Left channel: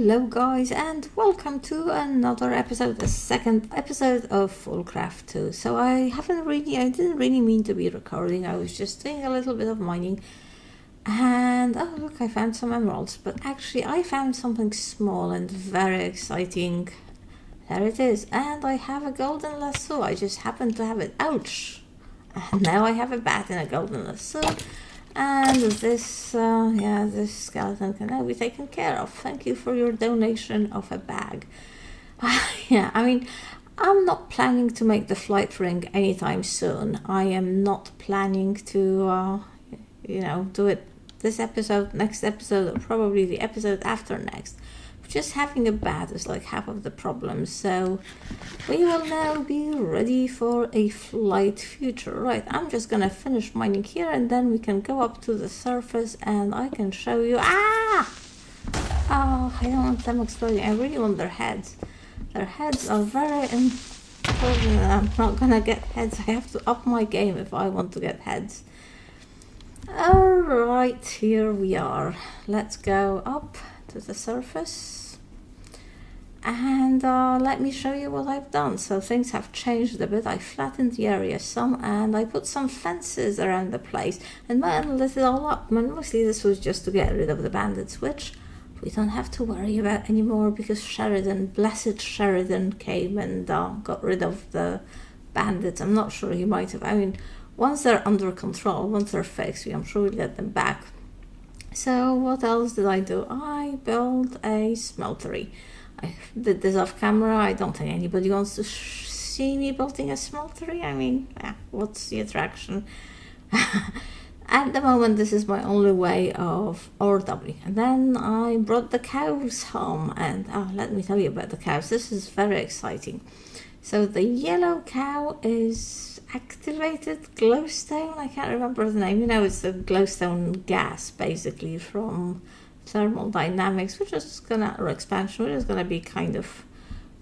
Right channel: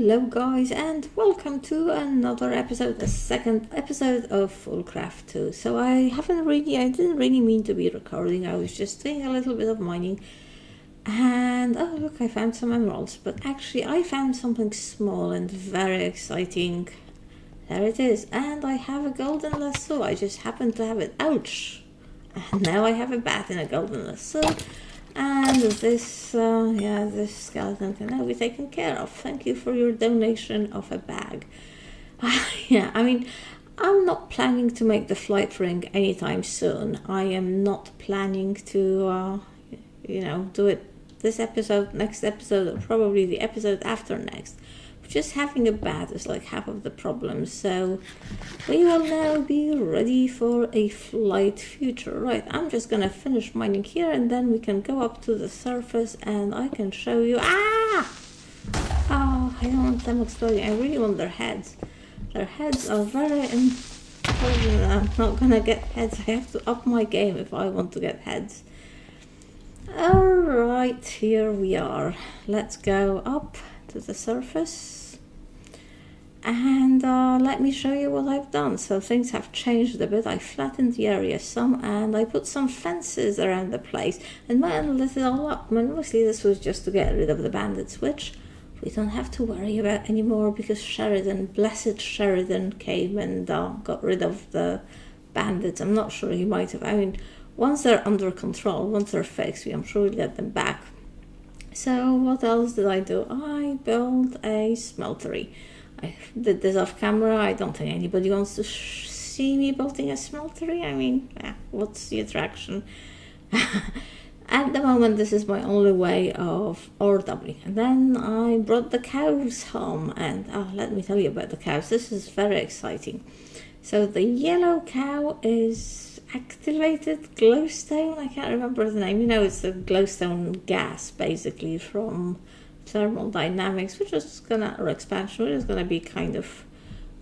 Hello guys, and welcome to another episode, the second episode of Foolcraft2. So I didn't really mean to be recording. I was just doing a little bit of mining, and oh look, I found some emeralds. But actually I found something small and very exciting. There it is, and I have a golden lasso. I just happened to have it. Ouch! And now I have a bat in a golden lasso. And this, this skeleton can now be taken care of. Thank you for your donation of a bag. Yeah, I mean, I'm not planning to make the flight ring anytime soon. I am not planning to, do it this episode, next episode, or probably the episode after next. Just having a bat is like half of the problem, so we will now be ready for a flight future. Right, I'm just gonna finish mining here and then we can go up to the surface and I can show you. Oh, I don't want them exploding. I really want their heads. Their heads are very important. I'm not gonna get heads. I have to up my game if I want to get heads. Alright, here we are. Let's go up to the surface and let me show you what I've done. So things have changed a bit. I flattened the area some and I put some fences around the place and lit it all up. Mostly this was just to get rid of the bandits, which we don't have to worry about anymore because blessed Sheridan came and got rid of the bandits. I'm not sure he might have. I mean, once they're under control, once they're fixed, I'm sure we'll get them back. So what else did I do? I built a smeltery. I did this off camera. I don't think anybody wants to see me building a smeltery. I mean, what's the attraction? At the moment, this is my only way of ore doubling. And then I brought the cows home. And let me tell you about the cows. This is very exciting. So the yellow cow is activated glowstone. I can't remember the name. It's the glowstone gas, basically, from thermodynamics, or expansion, which is gonna be kind of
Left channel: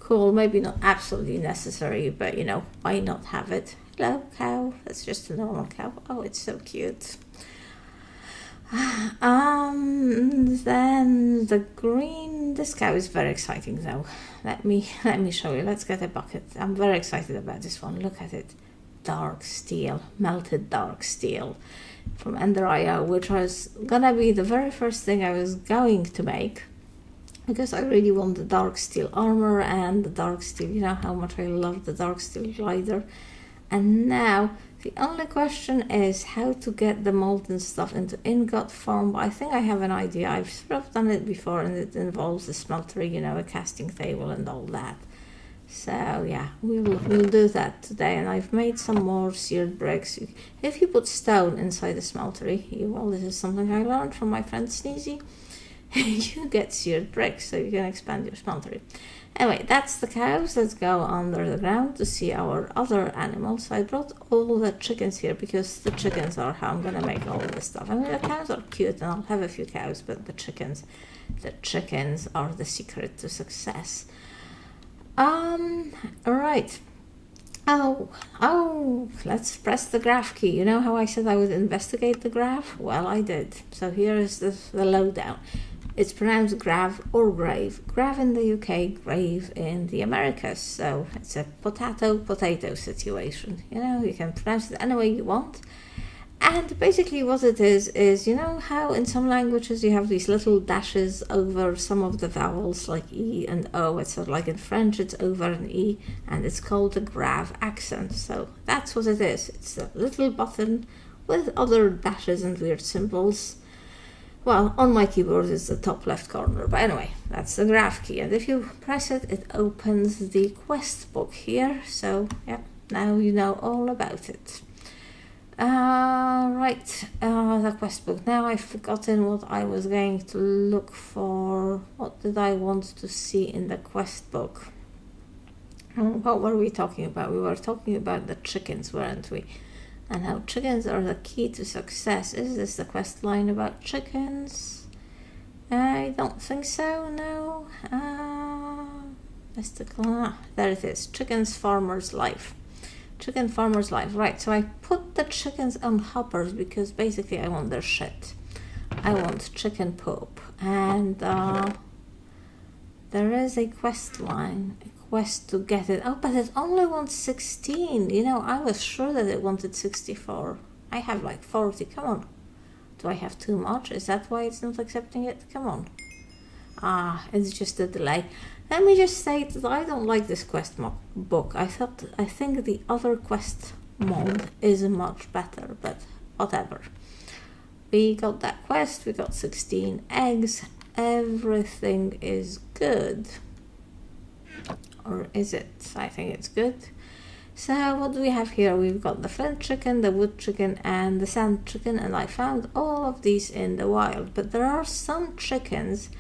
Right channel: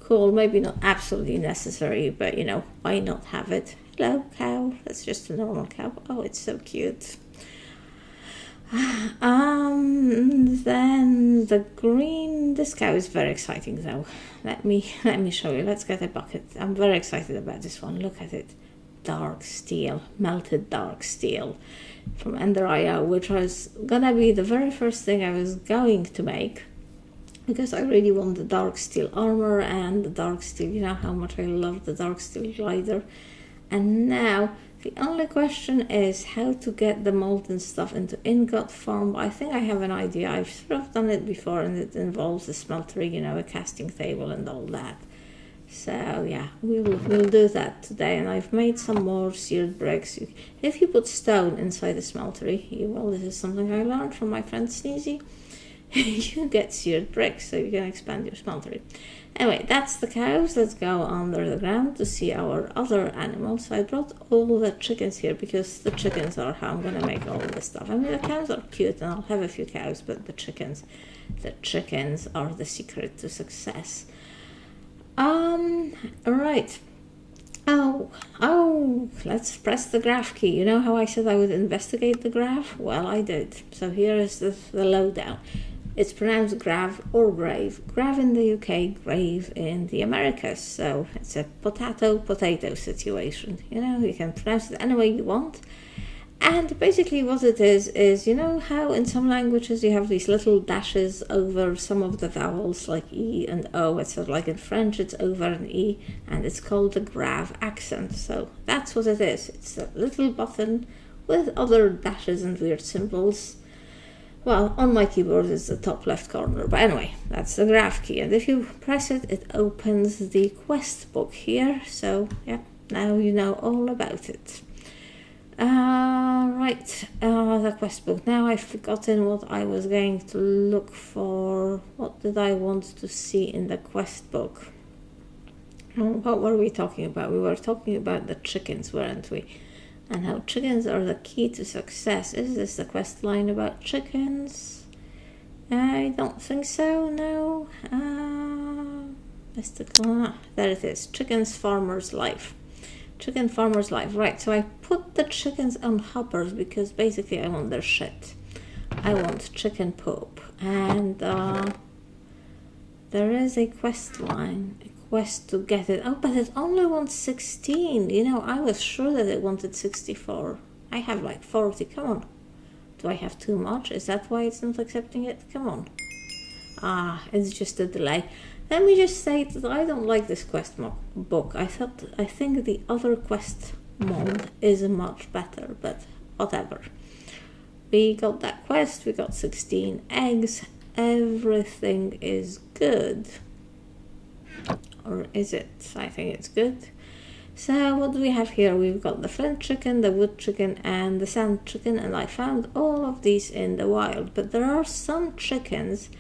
cool. Maybe not absolutely necessary, but why not have it? Hello, cow. That's just a normal cow. Oh, it's so cute. Then the green. This cow is very exciting, though. Let me show you. Let's get a bucket. I'm very excited about this one. Look at it. Dark steel, melted dark steel from Ender.io, which was gonna be the very first thing I was going to make because I really want the dark steel armor and the dark steel. You know how much I love the dark steel glider. And now the only question is how to get the molten stuff into ingot form. But I think I have an idea. I've sort of done it before and it involves a smeltery, a casting table and all that. So yeah, we'll do that today. And I've made some more seared bricks. If you put stone inside the smeltery, this is something I learned from my friend Sneezy. You get seared bricks, so you can expand your smeltery. Anyway, that's the cows. Let's go under the ground to see our other animals. I brought all the chickens here because the chickens are how I'm gonna make all of this stuff. I mean, the cows are cute and I'll have a few cows, but the chickens are the secret to success. Right. Oh, let's press the graph key. You know how I said I would investigate the graph? Well, I did. So here is the lowdown. It's pronounced grav or grave. Grav in the UK, grave in the Americas. So it's a potato situation. You can pronounce it any way you want. And basically what it is how in some languages you have these little dashes over some of the vowels like E and O. It's like in French it's over an E and it's called the grav accent. So that's what it is. It's a little button with other dashes and weird symbols. Well, on my keyboard it's the top left corner. But anyway, that's the graph key. And if you press it, it opens the quest book here. So yeah, now you know all about it. The quest book. Now I've forgotten what I was going to look for. What did I want to see in the quest book? What were we talking about? We were talking about the chickens, weren't we? And how chickens are the key to success. Is this the quest line about chickens? I don't think so, no. There it is. Chickens Farmer's Life. Chicken Farmer's Life. Right, so I put the chickens on hoppers because basically I want their shit. I want chicken poop. And There is a quest line, a quest to get it. Oh, but it only wants 16. You know, I was sure that it wanted 64. I have like 40. Come on. Do I have too much? Is that why it's not accepting it? Come on. Ah, it's just a delay. Let me just say that I don't like this quest book. I think the other quest mode is much better, but whatever. We got that quest, we got 16 eggs, everything is good. Or is it? I think it's good. So what do we have here? We've got the flint chicken, the wood chicken, and the sand chicken, and I found all of these in the wild. But there are some chickens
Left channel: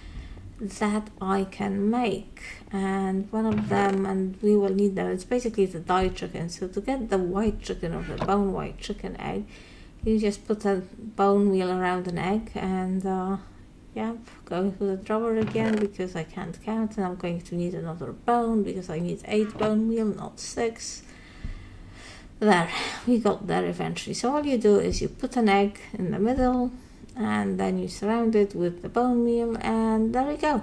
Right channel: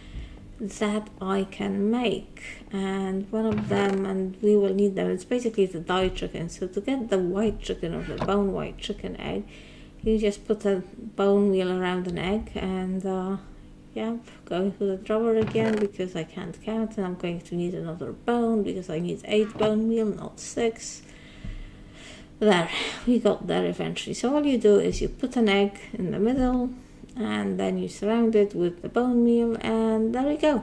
that I can make, and one of them, and we will need them, it's basically the dye chicken. So to get the white chicken or the bone white chicken egg, you just put a bone meal around an egg, and yep, going to the drawer again because I can't count, and I'm going to need another bone because I need 8 bone meal, not 6. There, we got there eventually. So all you do is you put an egg in the middle, and then you surround it with the bone meal, and there we go.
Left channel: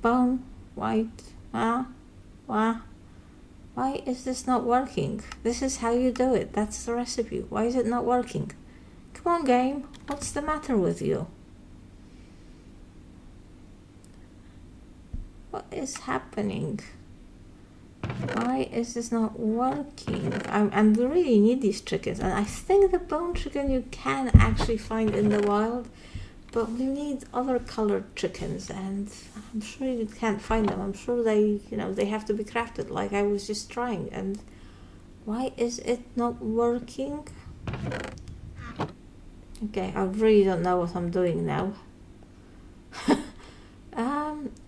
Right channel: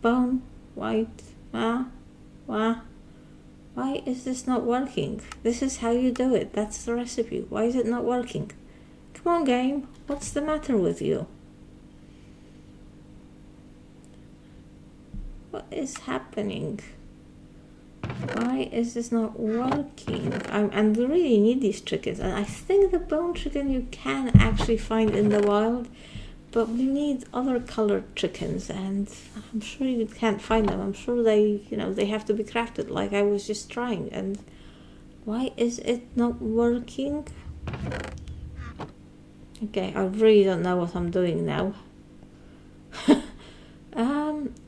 Bone, white, why is this not working? This is how you do it. That's the recipe. Why is it not working? Come on, game. What's the matter with you? What is happening? Why is this not working? And we really need these chickens. And I think the bone chicken you can actually find in the wild, but we need other colored chickens, and I'm sure you can't find them. I'm sure they, they have to be crafted like I was just trying. And why is it not working? Okay, I really don't know what I'm doing now.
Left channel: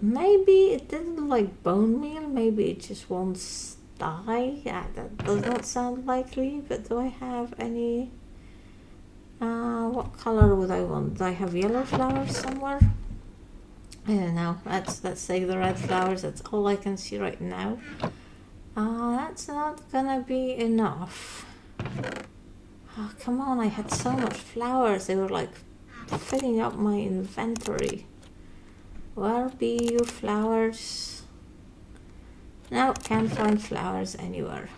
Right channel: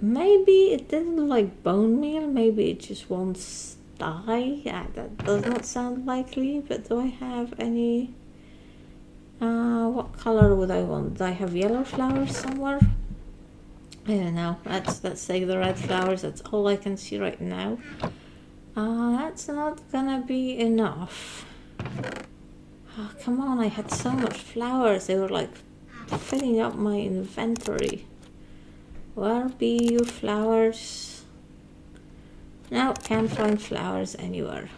Maybe it didn't like bone meal, maybe it just wants dye. Yeah, that does not sound likely, but do I have any, what color would I want? Do I have yellow flowers somewhere? I don't know, let's take the red flowers, that's all I can see right now. That's not gonna be enough. Oh, come on, I had so much flowers, they were like filling up my inventory. Where be you flowers? No, can't find flowers anywhere.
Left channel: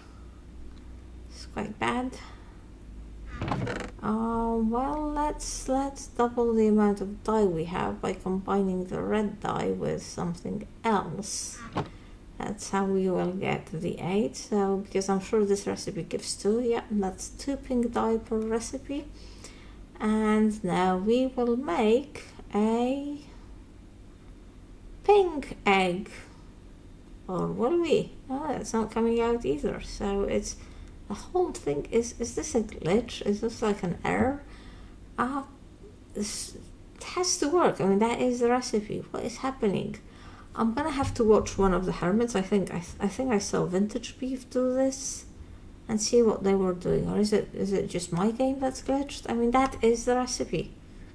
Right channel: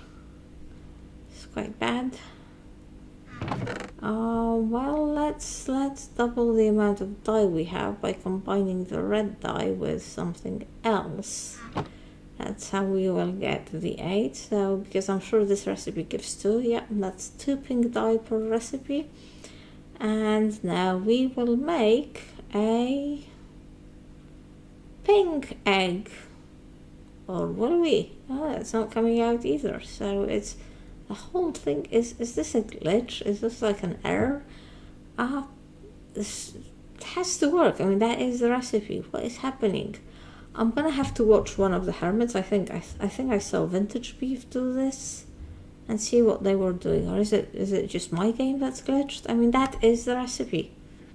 It's quite bad. Well, let's double the amount of dye we have by combining the red dye with something else. That's how we will get the 8. So, because I'm sure this recipe gives 2. Yeah, that's 2 pink dye per recipe. And now we will make a pink egg, or will we? Oh, it's not coming out either. So it's the whole thing is this a glitch? Is this like an error? This has to work. I mean, that is the recipe. What is happening? I'm gonna have to watch one of the hermits. I think I saw Vintage Beef do this and see what they were doing. Or is it just my game that's glitched? I mean, that is the recipe.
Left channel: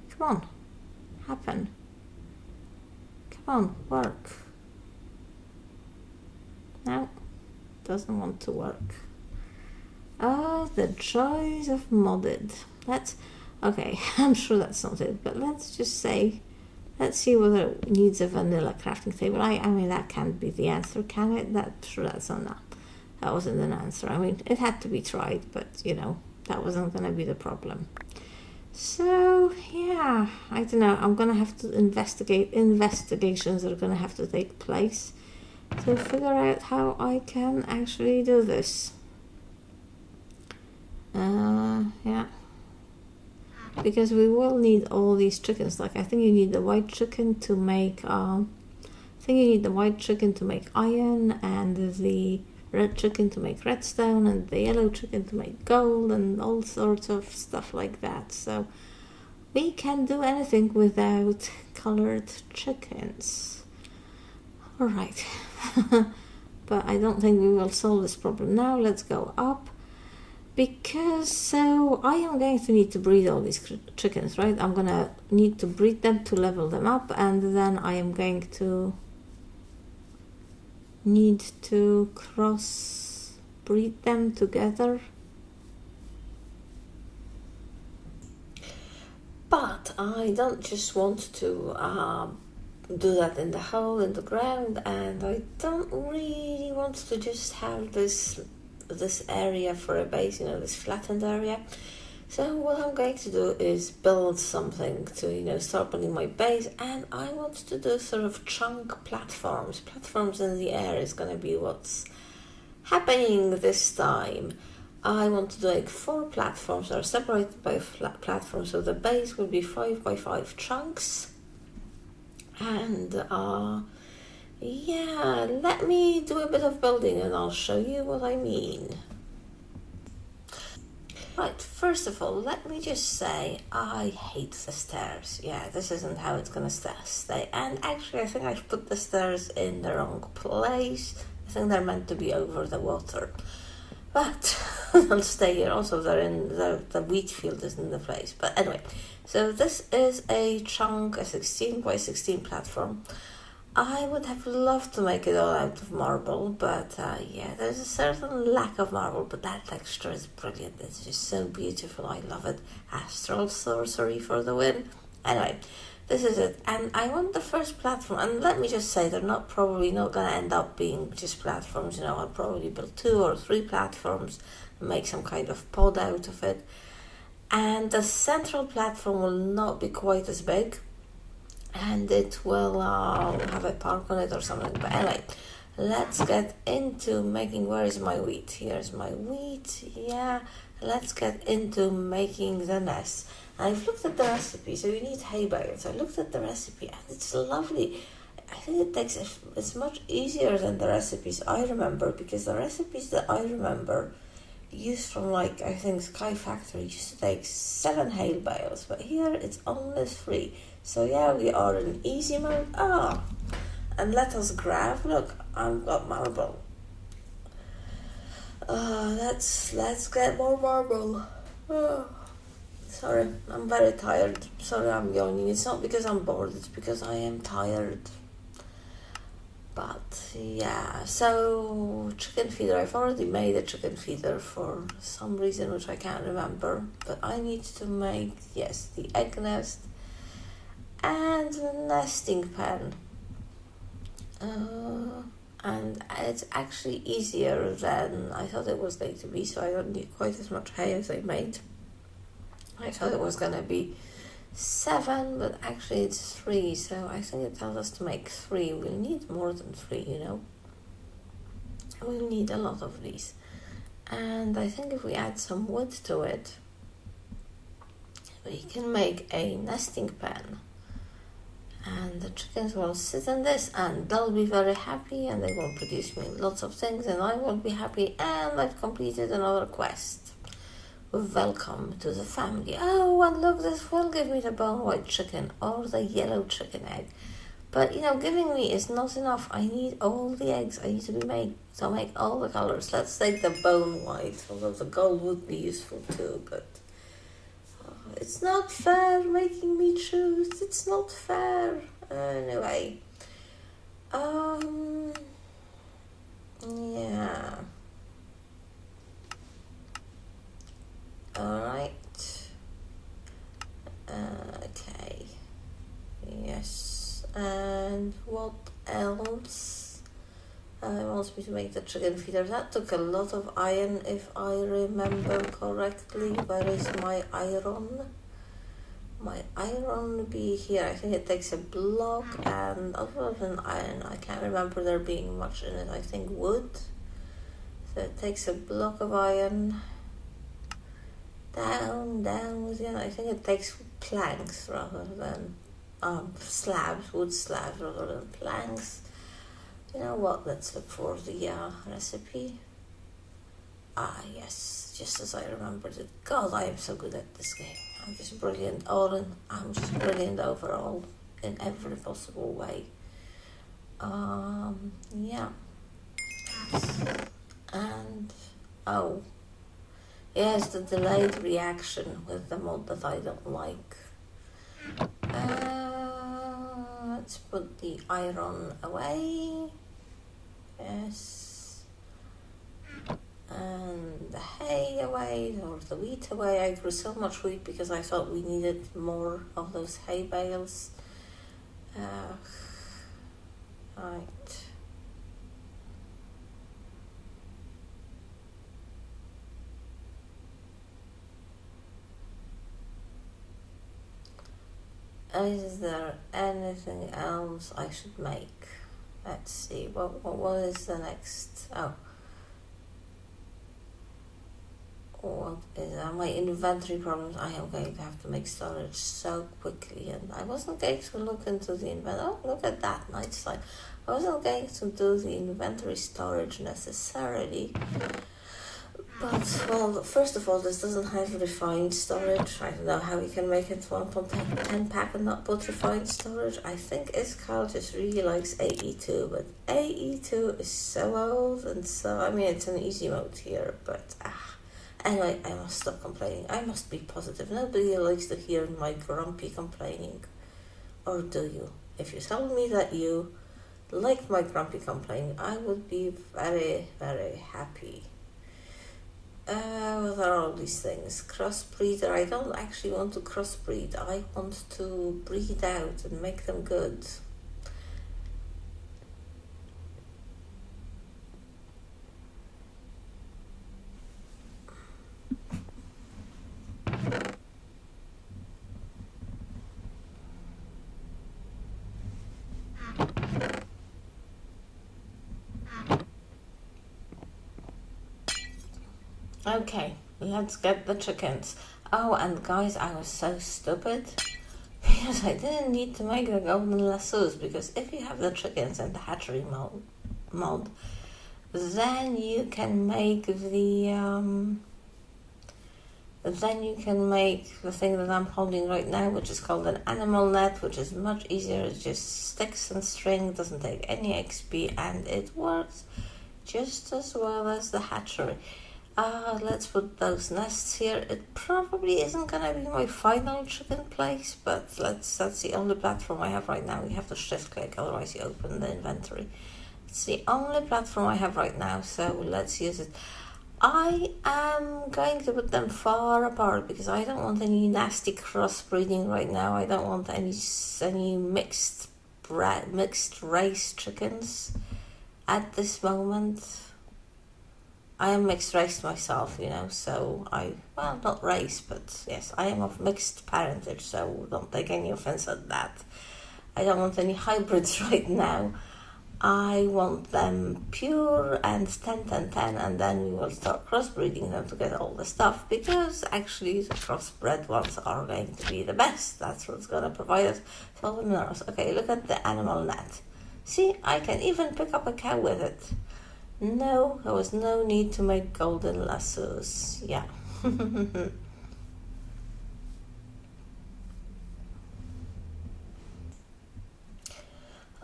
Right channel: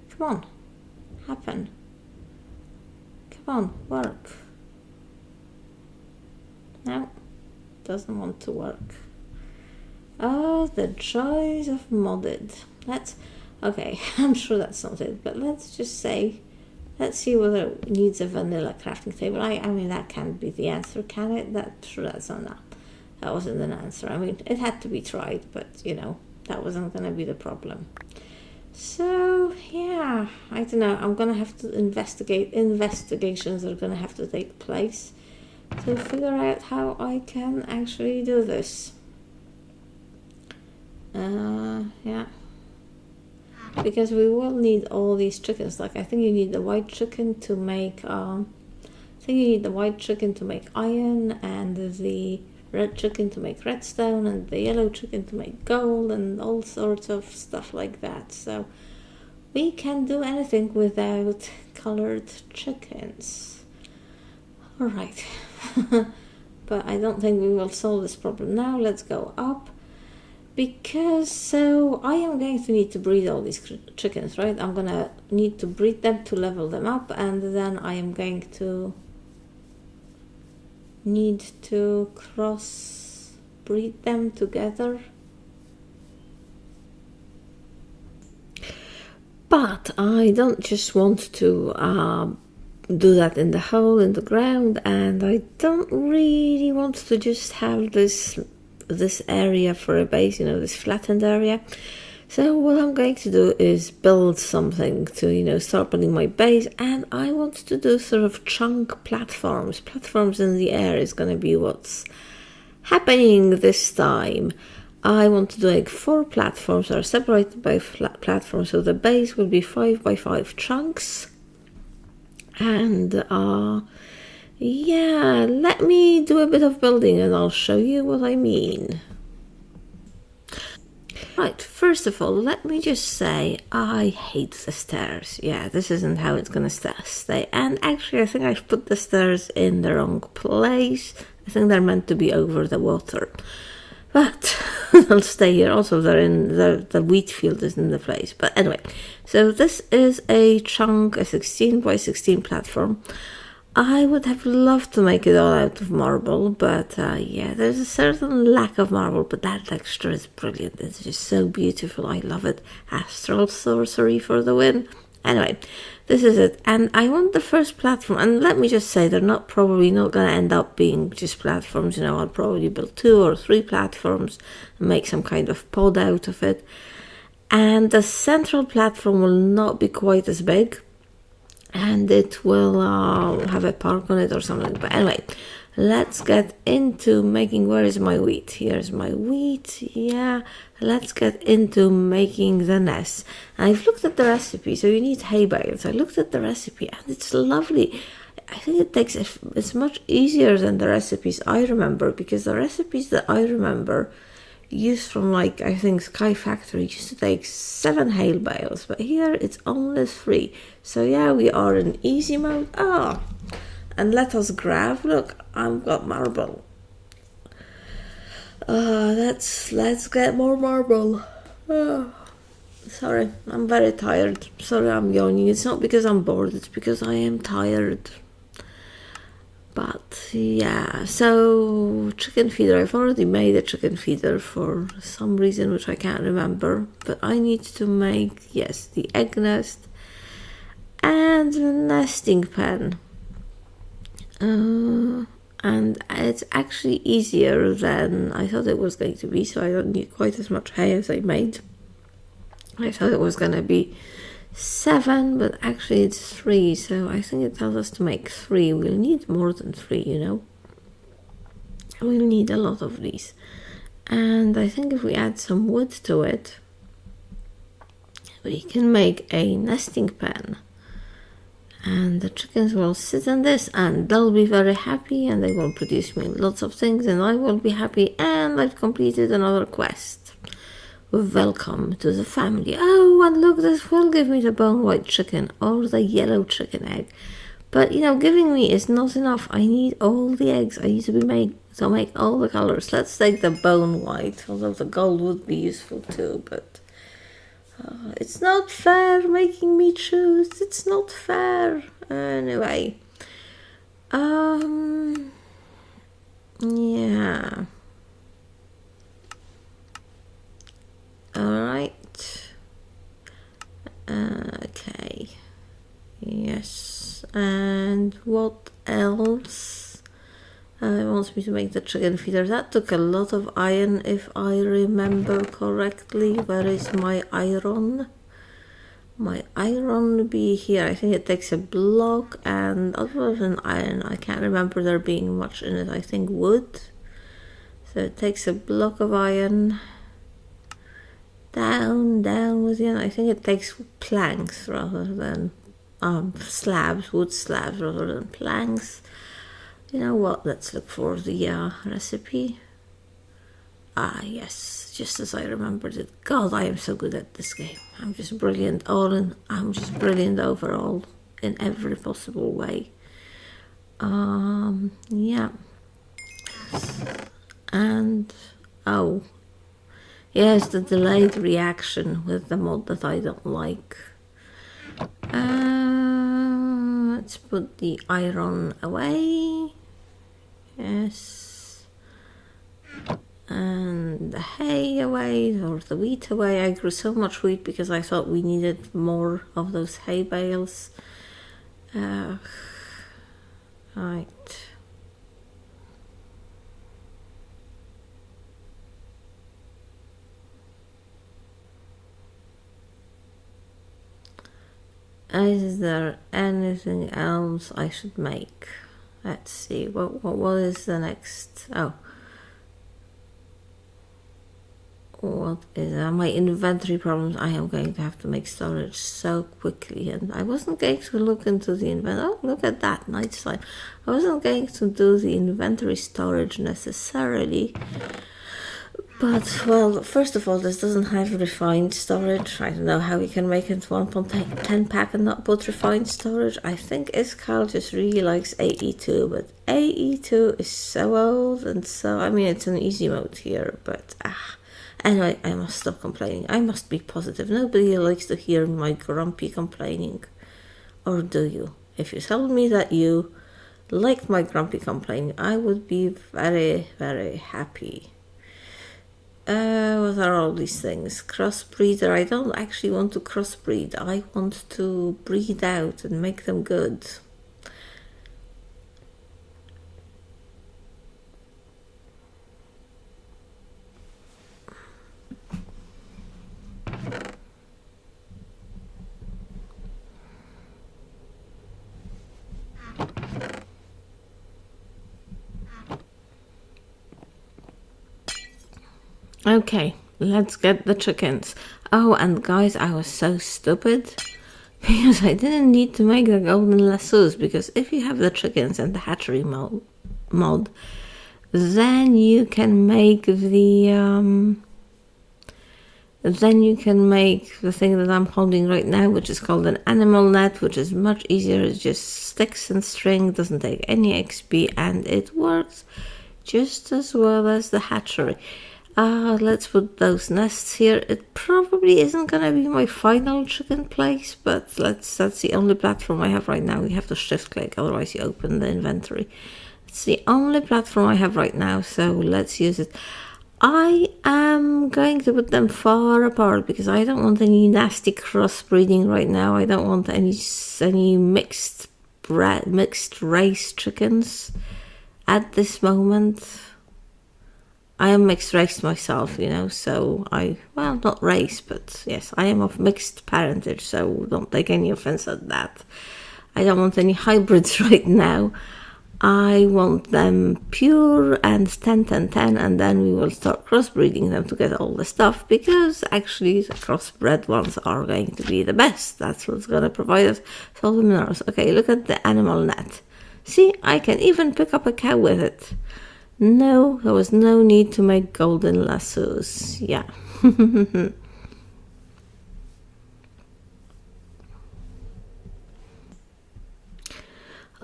Come on, happen. Come on, work. No, doesn't want to work. Oh, the joys of modded. Let's, okay, I'm sure that's not it, but let's just say, let's see whether it needs a vanilla crafting table. I mean, that can't be the answer, can it? Sure, that's not, that wasn't an answer. I mean, it had to be tried, but that wasn't going to be the problem. So yeah, I don't know, I'm gonna have to investigations are gonna have to take place to figure out how I can actually do this. Yeah, because we will need all these chickens. Like, I think you need the white chicken to make iron, and the red chicken to make redstone, and the yellow chicken to make gold, and all sorts of stuff like that. So we can do anything without colored chickens. Alright. But I don't think we will solve this problem now. Let's go up, because so I am going to need to breed all these chickens, right? I'm gonna need to breed them to level them up, and then I am going to need to cross breed them together. But I don't just want to do that in the hole in the ground, and I don't really want to just have this area for a base, you know, this flattened area. So what I'm going to do is build something to, you know, start building my base, and I want to do sort of chunk platforms. Platforms in the air is going to be what's happening this time. I want to do like 4 platforms that are separated by platforms, so the base will be 5 by 5 chunks. And yeah, let me do a bit of building and I'll show you what I mean. Right, first of all, let me just say I hate the stairs. Yeah, this isn't how it's gonna stay. And actually, I think I've put the stairs in the wrong place. I think they're meant to be over the water. But they'll stay here. Also, they're in the wheat field is in the place. But anyway, so this is a chunk, a 16 by 16 platform. I would have loved to make it all out of marble, but yeah, there's a certain lack of marble, but that texture is brilliant. It's just so beautiful. I love it. Astral sorcery for the win. Anyway, this is it. And I want the first platform, and let me just say, they're probably not going to end up being just platforms. You know, I'll probably build 2 or 3 platforms and make some kind of pod out of it. And the central platform will not be quite as big, and it will have a park on it or something. But anyway, let's get into making, where is my wheat? Here's my wheat. Yeah, let's get into making the nest. I've looked at the recipe, so you need hay bales. I looked at the recipe and it's lovely. I think it's much easier than the recipes I remember, because the recipes that I remember used from, like, I think Sky Factory used to take 7 hay bales, but here it's only 3. So yeah, we are in easy mode. And let us grab, look, I've got marble. Let's get more marble. Sorry, I'm very tired. Sorry, I'm yawning. It's not because I'm bored, it's because I am tired. But yeah, so chicken feeder. I've already made a chicken feeder for some reason which I can't remember, but I need to make, yes, the egg nest and the nesting pen. And it's actually easier than I thought it was going to be, so I don't need quite as much hay as I made. I thought it was going to be 7, but actually it's 3, so I think it tells us to make 3. We'll need more than 3, you know. We'll need a lot of these. And I think if we add some wood to it, we can make a nesting pen. And the chickens will sit in this and they'll be very happy, and they will produce me lots of things, and I will be happy, and I've completed another quest. Welcome to the family. Oh, and look, this will give me the bone white chicken or the yellow chicken egg. But, you know, giving me is not enough. I need all the eggs. I need to make all the colors. Let's take the bone white, although the gold would be useful too, but it's not fair making me choose. It's not fair. Anyway. Yeah. Alright. Okay. Yes. And what else? It wants me to make the chicken feeder. That took a lot of iron, if I remember correctly. Where is my iron? My iron be here. I think it takes a block, and other than iron, I can't remember there being much in it. I think wood. So it takes a block of iron. Down with it. I think it takes planks rather than slabs, wood slabs rather than planks. You know what? Let's look for the recipe. Yes, just as I remembered it. God, I am so good at this game. I'm just brilliant I'm just brilliant overall in every possible way. Yeah. And yes, the delayed reaction with the mod that I don't like. Let's put the iron away. Yes. And the hay away, or the wheat away. I grew so much wheat because I thought we needed more of those hay bales. Right. Is there anything else I should make? Let's see, what is the next? Oh, what is my inventory problems? I am going to have to make storage so quickly, and I wasn't going to look into the inventory. Oh, look at that, night slide. I wasn't going to do the inventory storage necessarily. But, well, first of all, this doesn't have refined storage. I don't know how you can make it 1.10 pack and not put refined storage. I think Iskal just really likes AE2, but AE2 is so old, and so, I mean, it's an easy mode here, but, anyway, I must stop complaining. I must be positive. Nobody likes to hear my grumpy complaining. Or do you? If you tell me that you liked my grumpy complaining, I would be very, very happy. What are all these things? Crossbreeder. I don't actually want to crossbreed. I want to breed out and make them good. Okay, let's get the chickens. Oh, and guys, I was so stupid because I didn't need to make the golden lassos, because if you have the chickens and the hatchery mod, then you can make the thing that I'm holding right now, which is called an animal net, which is much easier. It just sticks and string, doesn't take any XP, and it works just as well as the hatchery. Let's put those nests here. It probably isn't gonna be my final chicken place, but that's the only platform I have right now. You have to shift click, otherwise you open the inventory. It's the only platform I have right now, so let's use it. I am going to put them far apart because I don't want any nasty crossbreeding right now. I don't want any mixed race chickens at this moment. I am mixed race myself, you know, so well, not race, but yes, I am of mixed parentage, so don't take any offense at that. I don't want any hybrids right now. I want them pure and 10-10-10, and then we will start crossbreeding them to get all the stuff, because actually the crossbred ones are going to be the best. That's what's going to provide us all the minerals. Okay, look at the animal net. See, I can even pick up a cow with it. No, there was no need to make golden lassos. Yeah.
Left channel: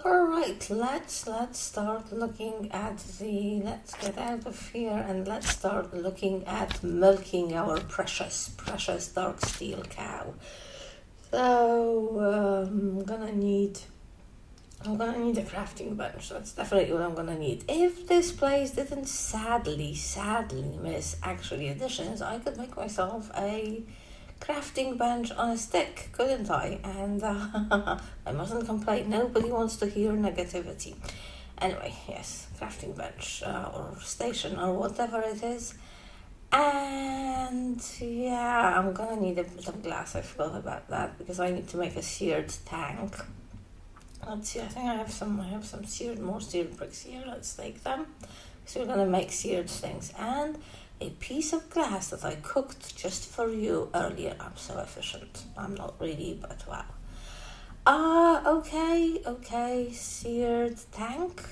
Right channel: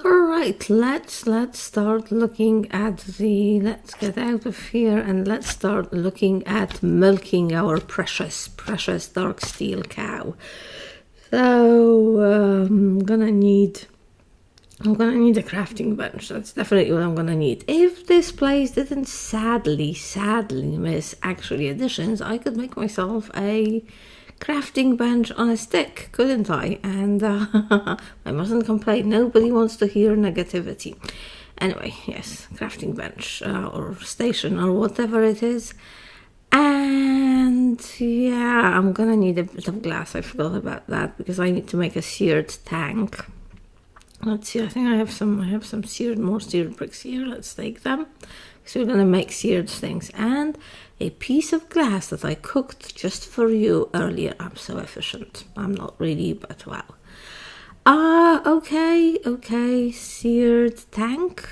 Alright, let's start looking at let's get out of here and let's start looking at milking our precious dark steel cow. So I'm gonna need a crafting bench. That's definitely what I'm gonna need. If this place didn't sadly miss actually additions, I could make myself a crafting bench on a stick, couldn't I? And I mustn't complain. Nobody wants to hear negativity. Anyway, yes, crafting bench or station or whatever it is. And yeah, I'm gonna need a bit of glass. I forgot about that because I need to make a seared tank. Let's see, I think I have some more seared bricks here. Let's take them. So we're gonna make seared things. And a piece of glass that I cooked just for you earlier. I'm so efficient. I'm not really, but wow. Okay, seared tank.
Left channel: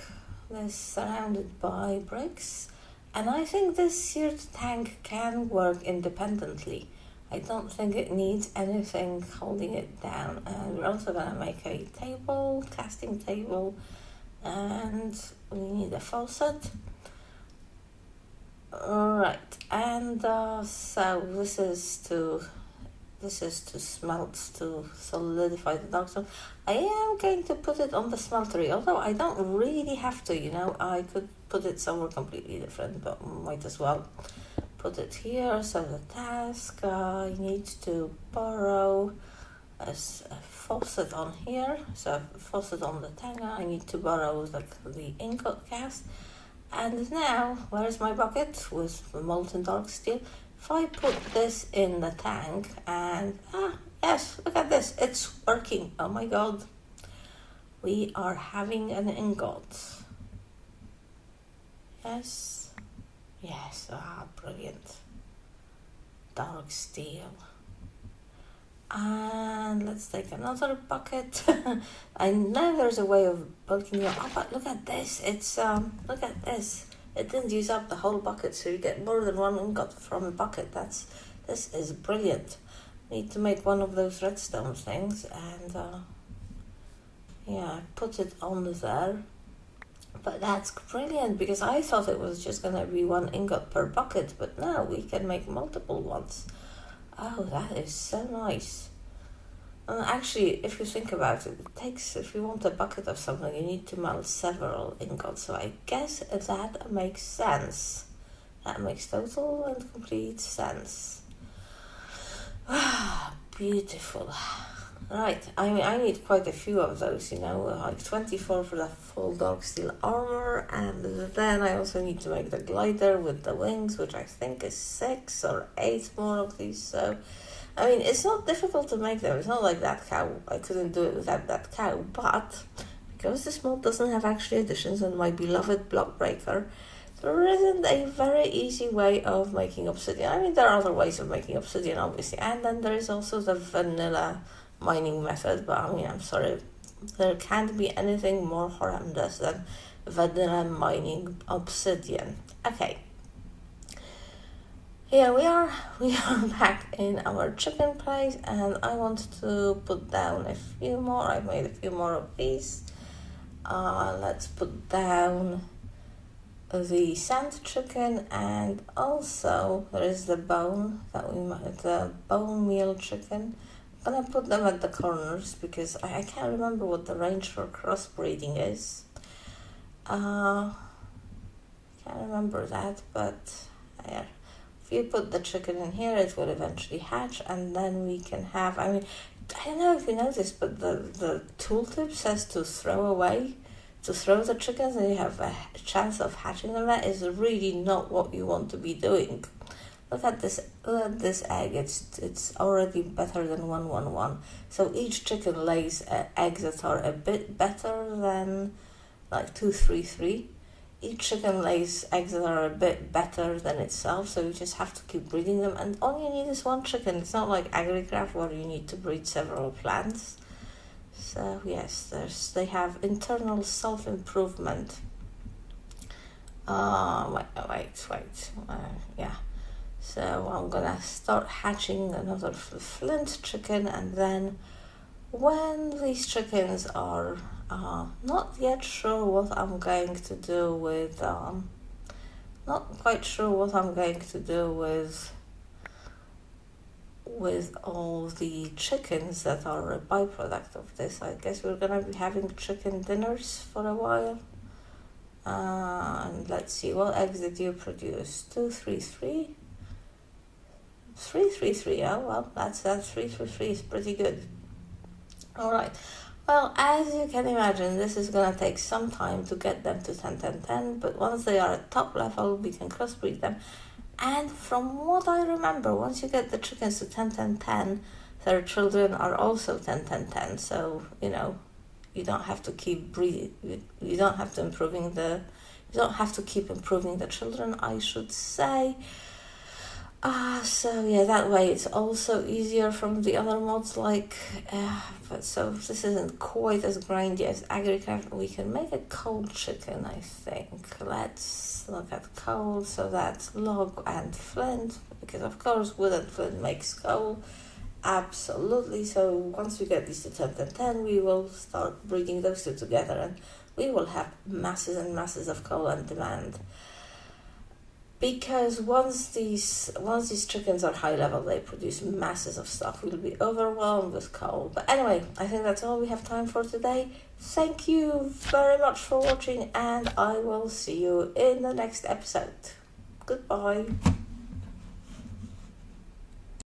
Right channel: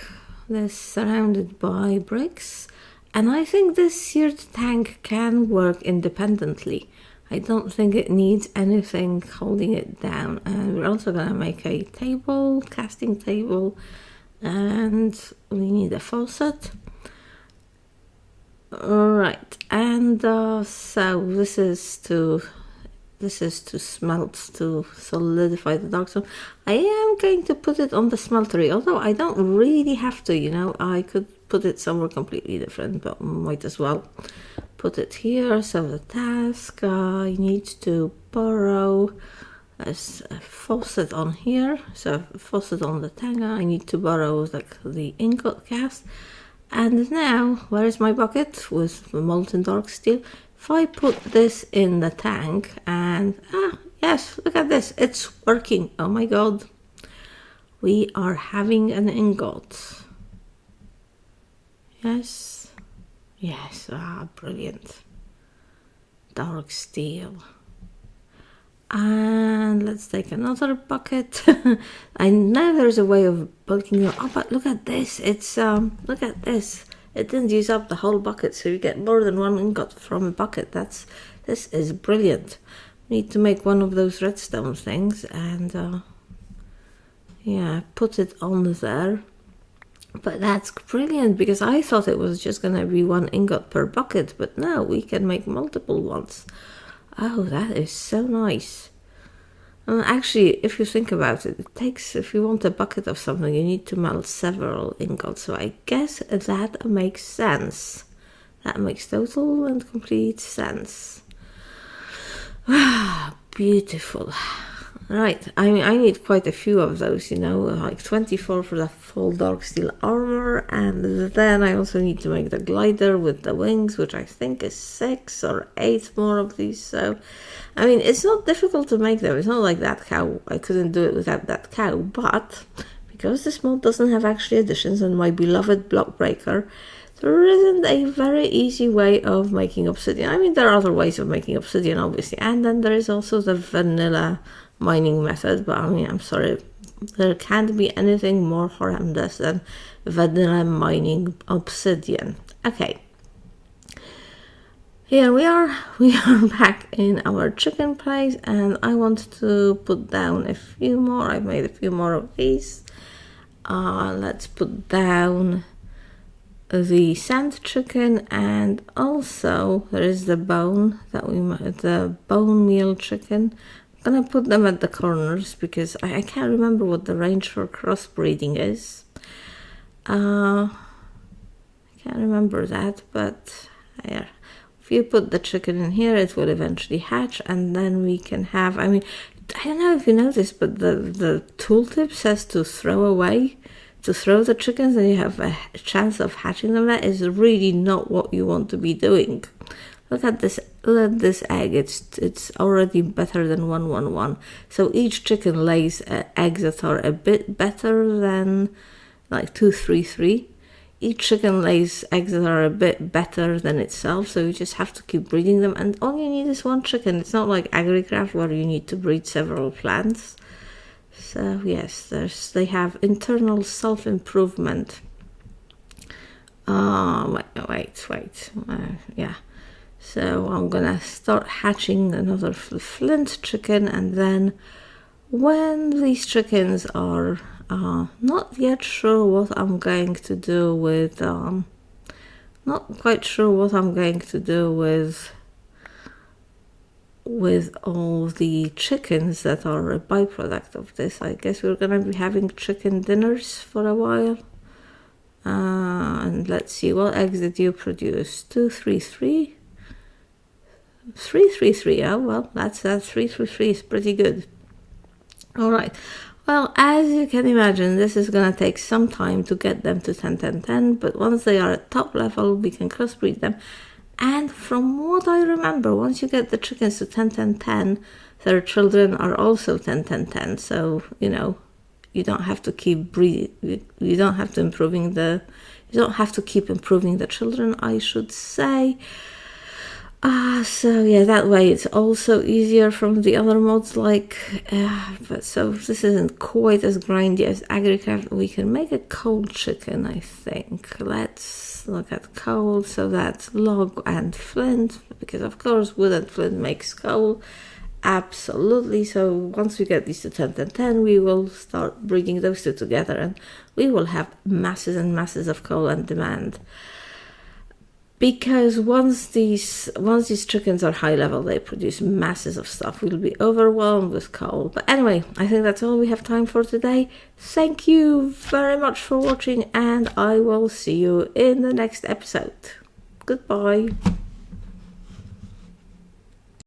This surrounded by bricks. And I think this seared tank can work independently. I don't think it needs anything holding it down. And we're also gonna make a table, casting table, and we need a faucet. Alright, and so this is to smelt, to solidify the dark stone. I am going to put it on the smeltery, although I don't really have to, you know. I could put it somewhere completely different, but might as well put it here. So the task, I need to borrow There's a faucet on here, so a faucet on the tank. I need to borrow like the ingot cast. And now, where is my bucket with the molten dark steel? If I put this in the tank and, yes, look at this, it's working. Oh my god. We are having an ingot. Yes, yes, brilliant. Dark steel. And let's take another bucket. I know there's a way of bulking it. Oh, but look at this. It's look at this. It didn't use up the whole bucket, so you get more than one ingot from a bucket. This is brilliant. Need to make one of those redstone things and yeah, put it on there. But that's brilliant, because I thought it was just gonna be one ingot per bucket, but no, we can make multiple ones. Oh, that is so nice. And actually, if you think about it, it takes, if you want a bucket of something, you need to melt several ingots. So I guess that makes sense. That makes total and complete sense. Beautiful. Right, I mean, I need quite a few of those, you know, like 24 for the full dark steel armor, and then I also need to make the glider with the wings, which I think is 6 or 8 more of these. So, I mean, it's not difficult to make them. It's not like that cow. I couldn't do it without that cow, but because this mod doesn't have actually additions on my beloved block breaker, there isn't a very easy way of making obsidian. I mean, there are other ways of making obsidian, obviously, and then there is also the vanilla mining method, but I mean, I'm sorry, there can't be anything more horrendous than vanilla mining obsidian. Okay, here we are back in our chicken place, and I want to put down a few more. I've made a few more of these. Let's put down the sand chicken, and also there is the bone that the bone meal chicken. I'm gonna put them at the corners because I can't remember what the range for crossbreeding is. I can't remember that, but yeah, if you put the chicken in here, it will eventually hatch, and then we can have, I mean, I don't know if you noticed, but the tooltip says to throw away, to throw the chickens, and you have a chance of hatching them. That is really not what you want to be doing. Look at this egg. It's already better than 111. So each chicken lays eggs that are a bit better than like 233. Each chicken lays eggs that are a bit better than itself. So you just have to keep breeding them, and all you need is one chicken. It's not like AgriCraft where you need to breed several plants. So yes, they have internal self-improvement. Wait. Yeah. So I'm gonna start hatching another flint chicken, and then when these chickens are not yet sure what I'm going to do with, not quite sure what I'm going to do with all the chickens that are a byproduct of this. I guess we're gonna be having chicken dinners for a while. And let's see, what eggs did you produce? 233. 333. Oh well, that's 333 is pretty good. All right. Well, as you can imagine, this is gonna take some time to get them to 10. But once they are at top level, we can crossbreed them. And from what I remember, once you get the chickens to 10, their children are also 10. So you know, you don't have to keep breeding. You don't have to keep improving the children, I should say. So yeah, that way it's also easier from the other mods, but so this isn't quite as grindy as AgriCraft. We can make a coal chicken, I think. Let's look at coal. So that's log and flint, because of course wood and flint makes coal. Absolutely. So once we get these to 10, we will start breeding those two together, and we will have masses and masses of coal on demand. Because once these chickens are high level, they produce masses of stuff. We'll be overwhelmed with coal. But anyway, I think that's all we have time for today. Thank you very much for watching, and I will see you in the next episode. Goodbye.